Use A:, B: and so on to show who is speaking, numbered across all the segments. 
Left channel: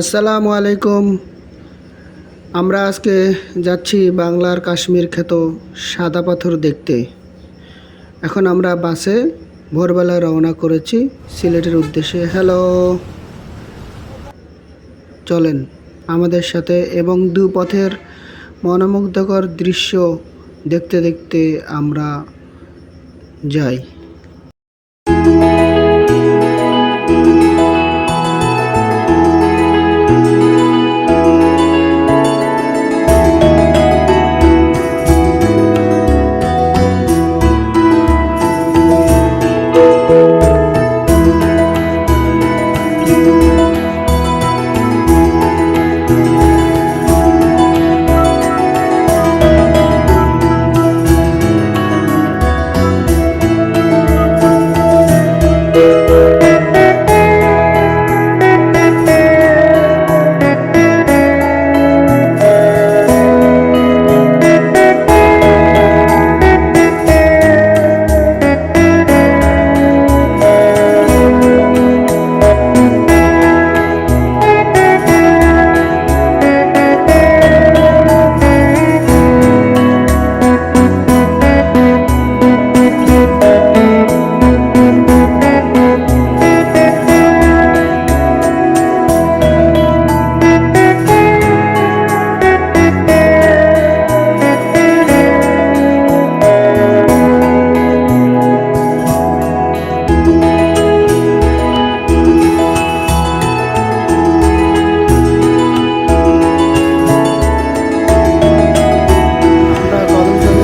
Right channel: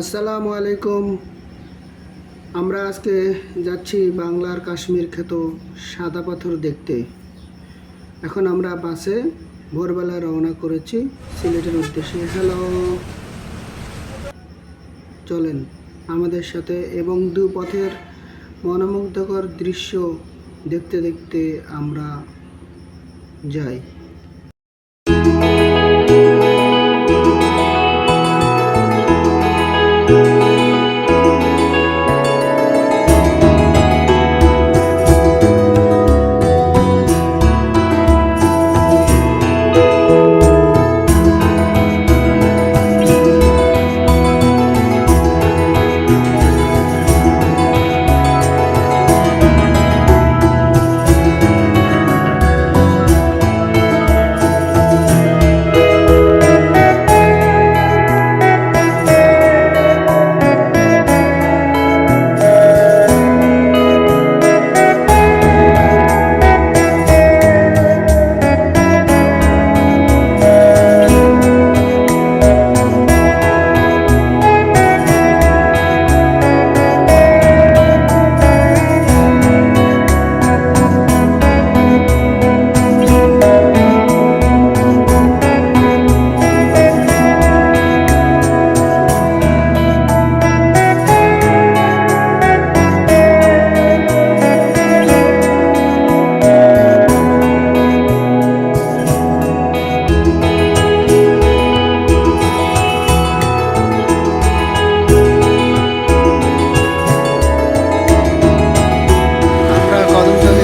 A: আসসালামু আলাইকুম। আমরা আজকে যাচ্ছি বাংলার কাশ্মীর খ্যাত সাদা পাথর দেখতে। এখন আমরা বাসে ভোরবেলা রওনা করেছি সিলেটের উদ্দেশ্যে। হ্যালো চলেন আমাদের সাথে এবং দু পথের মনোমুগ্ধকর দৃশ্য দেখতে দেখতে আমরা যাই।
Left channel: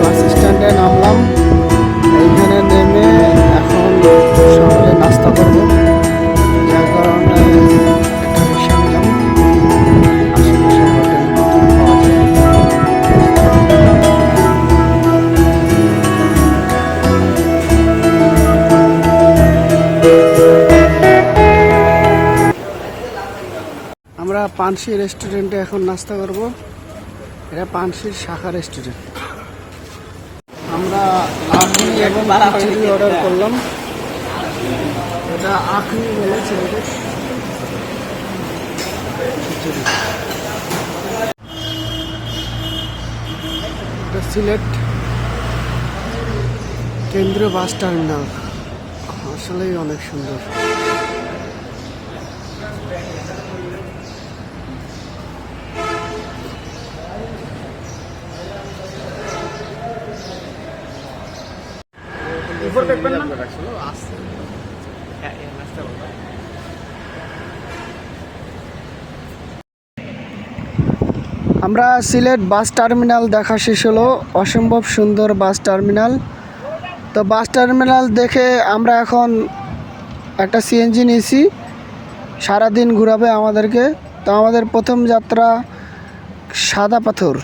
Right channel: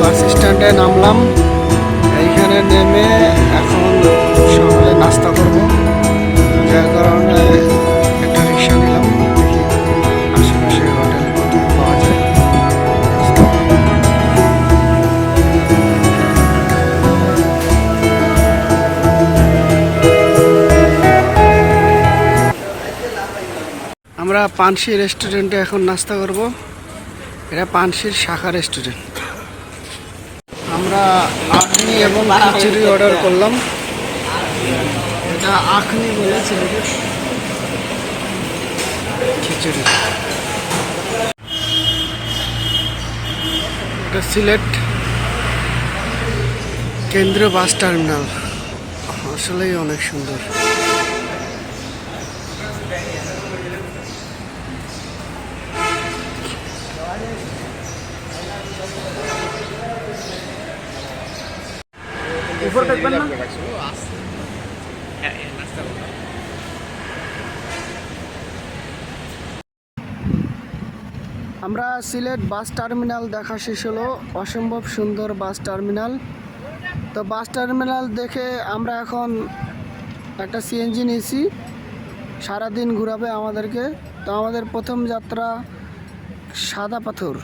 A: বাস স্ট্যান্ডে নামলাম। এইখানে নেমে এখন সকালে নাস্তা করব। যার কারণে একটা রিক্সা নিলাম। আশেপাশে হোটেল পাওয়া যায়। আমরা পানসি রেস্টুরেন্টে এখন নাস্তা করব। এটা পানসির শাখা রেস্টুরেন্ট। আখনি এবং খিচুড়ি অর্ডার করলাম। এটা আখনি বলে ছেলেদের খিচুড়ি। এটা সিলেট কেন্দ্রীয় বাস টার্মিনাল। আসলেই অনেক সুন্দর। আমরা সিলেট বাস টার্মিনাল দেখা শেষ হলো। অসম্ভব সুন্দর বাস টার্মিনাল। তো বাস টার্মিনাল দেখে আমরা এখন একটা সিএনজি নিয়েছি। সারাদিন ঘুরাবে আমাদেরকে। তো আমাদের প্রথম যাত্রা সাদা পাথর।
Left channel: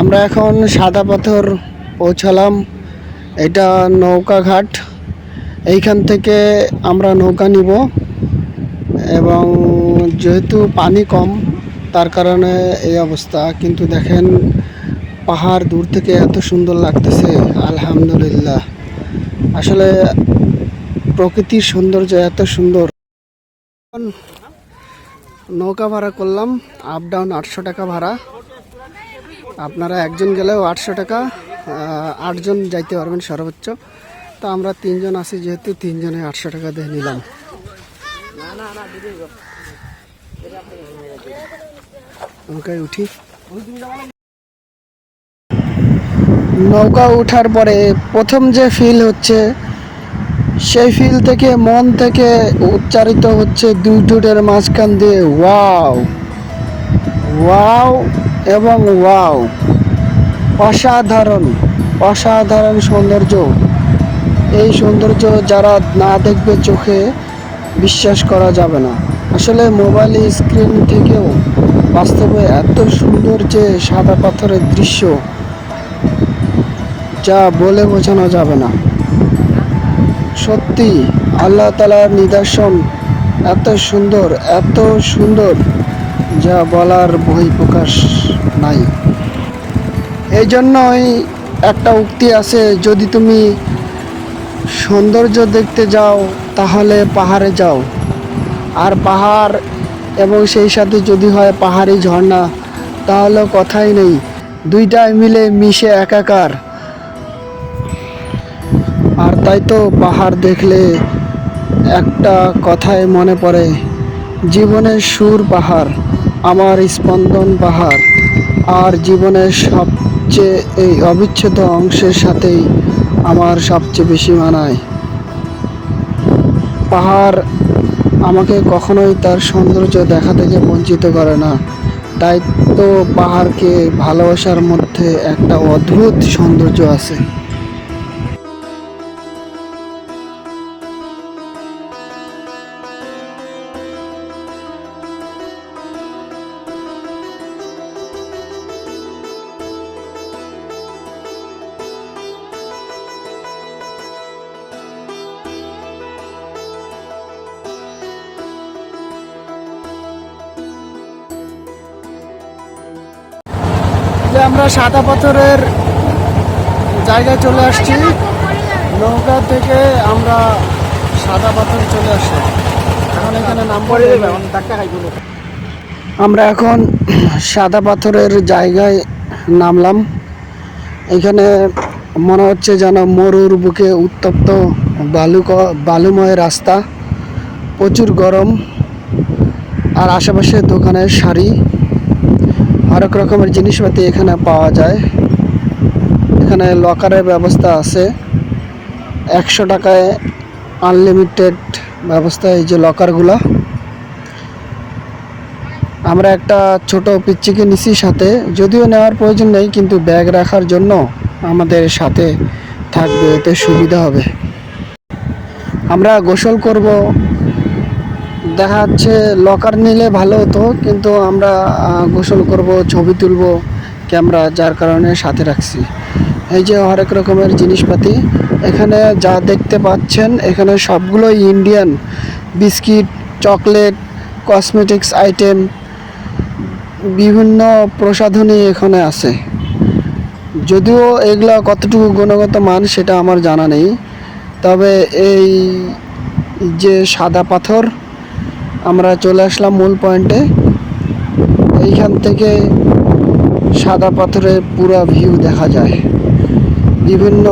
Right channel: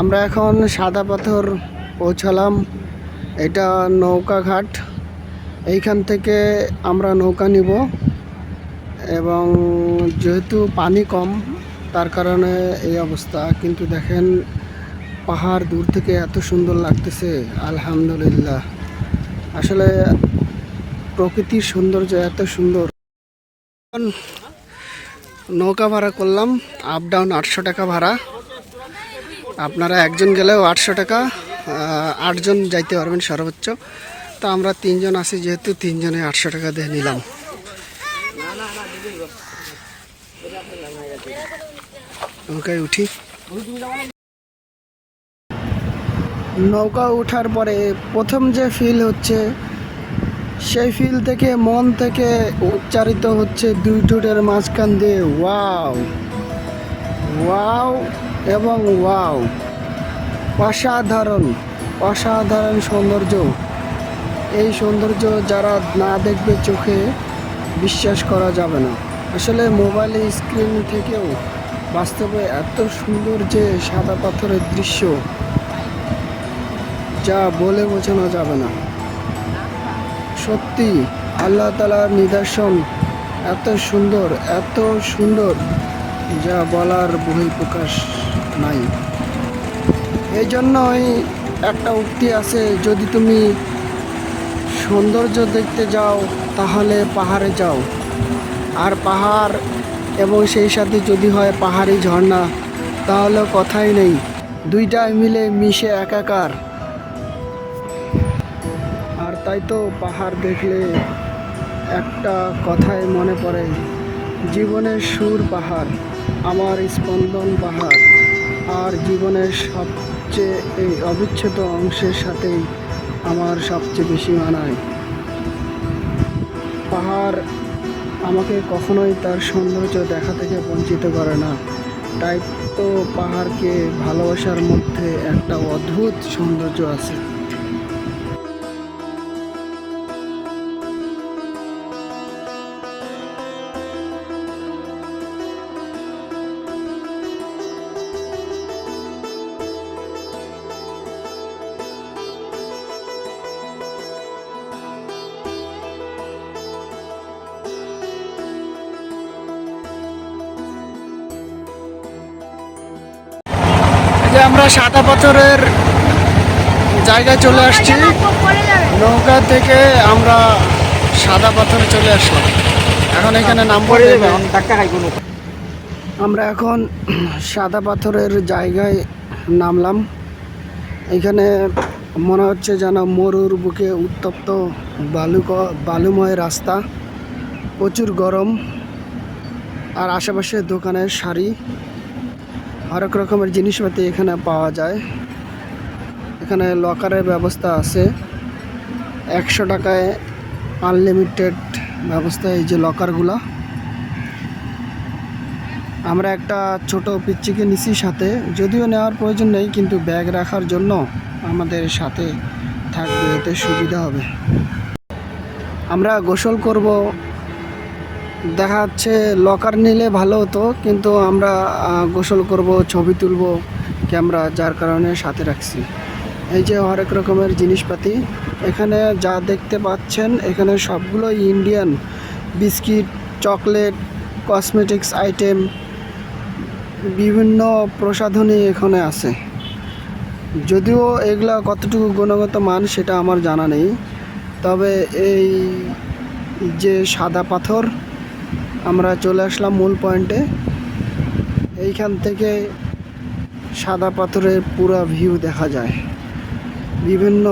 A: আমরা এখন সাদা পাথর পৌঁছালাম। এটা নৌকা ঘাট। এইখান থেকে আমরা নৌকা নিব। এবং যেহেতু পানি কম, তার কারণে এই অবস্থা। কিন্তু দেখেন, পাহাড় দূর থেকে এত সুন্দর লাগতেছে। আলহামদুলিল্লাহ। আসলে প্রকৃতির সৌন্দর্য এত সুন্দর। নৌকা ভাড়া করলাম। আপ ডাউন আটশো টাকা ভাড়া। আপনারা একজন গেলেও আটশো টাকা আটজন যাইতে পারবেন সর্বোচ্চ। তো আমরা তিনজন আছি, যেহেতু তিনজনে আটশো টাকা দিয়ে নিলাম। নৌকায় উঠি। নৌকা ওঠার পরে প্রথম যে ফিল হচ্ছে, সেই ফিল থেকে মন থেকে উচ্চারিত হচ্ছে দুই ঠোঁটের মাঝখান দিয়ে, ওয়াও ওয়াও। এবং ওয়াও, অসাধারণ অসাধারণ সৌন্দর্য। এই সৌন্দর্য যারা না দেখবে চোখে বিশ্বাস করা যাবে না। আসলে মোবাইল স্ক্রিন থেকেও বাস্তবে এত সুন্দর যে সাদা পাথরের দৃশ্য, যা বলে বোঝানো যাবে না। সত্যি, আল্লাহ তালার নিদর্শন এত সুন্দর এত সুন্দর, যা বলার বই প্রকাশ নাই। এই জন্যই একটা উক্তি আছে, যদি তুমি সৌন্দর্য দেখতে যাও, তাহলে পাহাড়ে যাও। আর পাহাড় এবং সেই সাথে যদি হয় পাহাড়ি ঝর্ণা, তাহলে কথাই নেই। দুইটাই মিলে মিশে একাকার। আর তাই তো পাহাড় দেখলে একটা কথাই মনে পড়ে, জীবনের সুর পাহাড়। আমার স্পন্দন পাহাড় আর জীবনের সবচেয়ে এই অবিচ্ছেদ্য অংশের সাথেই আমার সবচেয়ে বেশি মানায়। পাহাড় আমাকে কখনোই তার সৌন্দর্য দেখা থেকে বঞ্চিত করে না। তাই তো পাহাড়কে ভালোবাসার মধ্যে একটা অদ্ভুত সৌন্দর্য আছে। আমরা সাদা পাথরের জায়গায় চলে আসছি। নৌকা থেকে আমরা সাদা পাথরে চলে আসলাম। এখন এখানে নামবো। নেমে। আমরা এখন সাদা পাথরের জায়গায় নামলাম। এখানে মনে হচ্ছে যেন মরুর বুকে উত্তপ্ত বালু বালুময় রাস্তা। প্রচুর গরম। আর আশেপাশে দোকানের শাড়ি অনেক রকমের জিনিসপাতি এখানে পাওয়া যায়। এখানে লকারের ব্যবস্থা আছে। একশো টাকায় আনলিমিটেড ব্যবস্থা এই যে লকারগুলো। আমরা একটা ছোট পিচ্চিকে নিছি সাথে। যদিও নেওয়ার প্রয়োজন নেই, কিন্তু ব্যাগ রাখার জন্য আমাদের সাথে থাকবে, এতে সুবিধা হবে। আমরা গোসল করব। দেখা যাচ্ছে লকার নিলে ভালো হতো, কিন্তু আমরা গোসল করব, ছবি তুলব, ক্যামেরা যার কারণে সাথে রাখছি। এই যে হরেক রকমের জিনিসপাতি, এখানে যা দেখতে পাচ্ছেন, এখানে সবগুলোই Indian biscuit, chocolate cosmetics item বিভিন্ন প্রসাধনী এখানে আছে। যদিও এগুলো কতটুকু গুণগত মান সেটা আমার জানা নেই, তবে এই যে সাদা পাথর আমরা চলে আসলাম মূল পয়েন্টে এইখান থেকে সাদা পাথরের পুরো ভিউ দেখা যায়। বিভিন্ন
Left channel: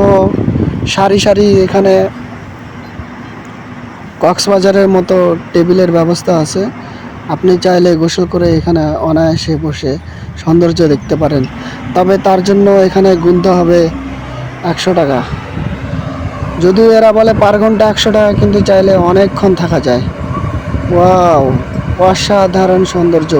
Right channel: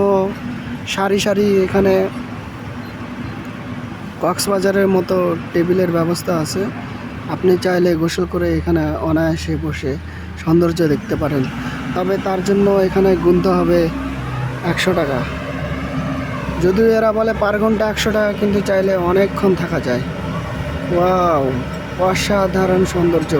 A: সারি সারি এখানে কক্সবাজারের মতো টেবিলের ব্যবস্থা আছে। আপনি চাইলে গোসল করে এখানে অনায়াসে বসে সৌন্দর্য দেখতে পারেন। তবে তার জন্য এখানে গুনতে হবে একশো টাকা। যদিও এরা বলে পার ঘণ্টা একশো টাকা, কিন্তু চাইলে অনেকক্ষণ থাকা যায়। ওয়াও অসাধারণ সৌন্দর্য।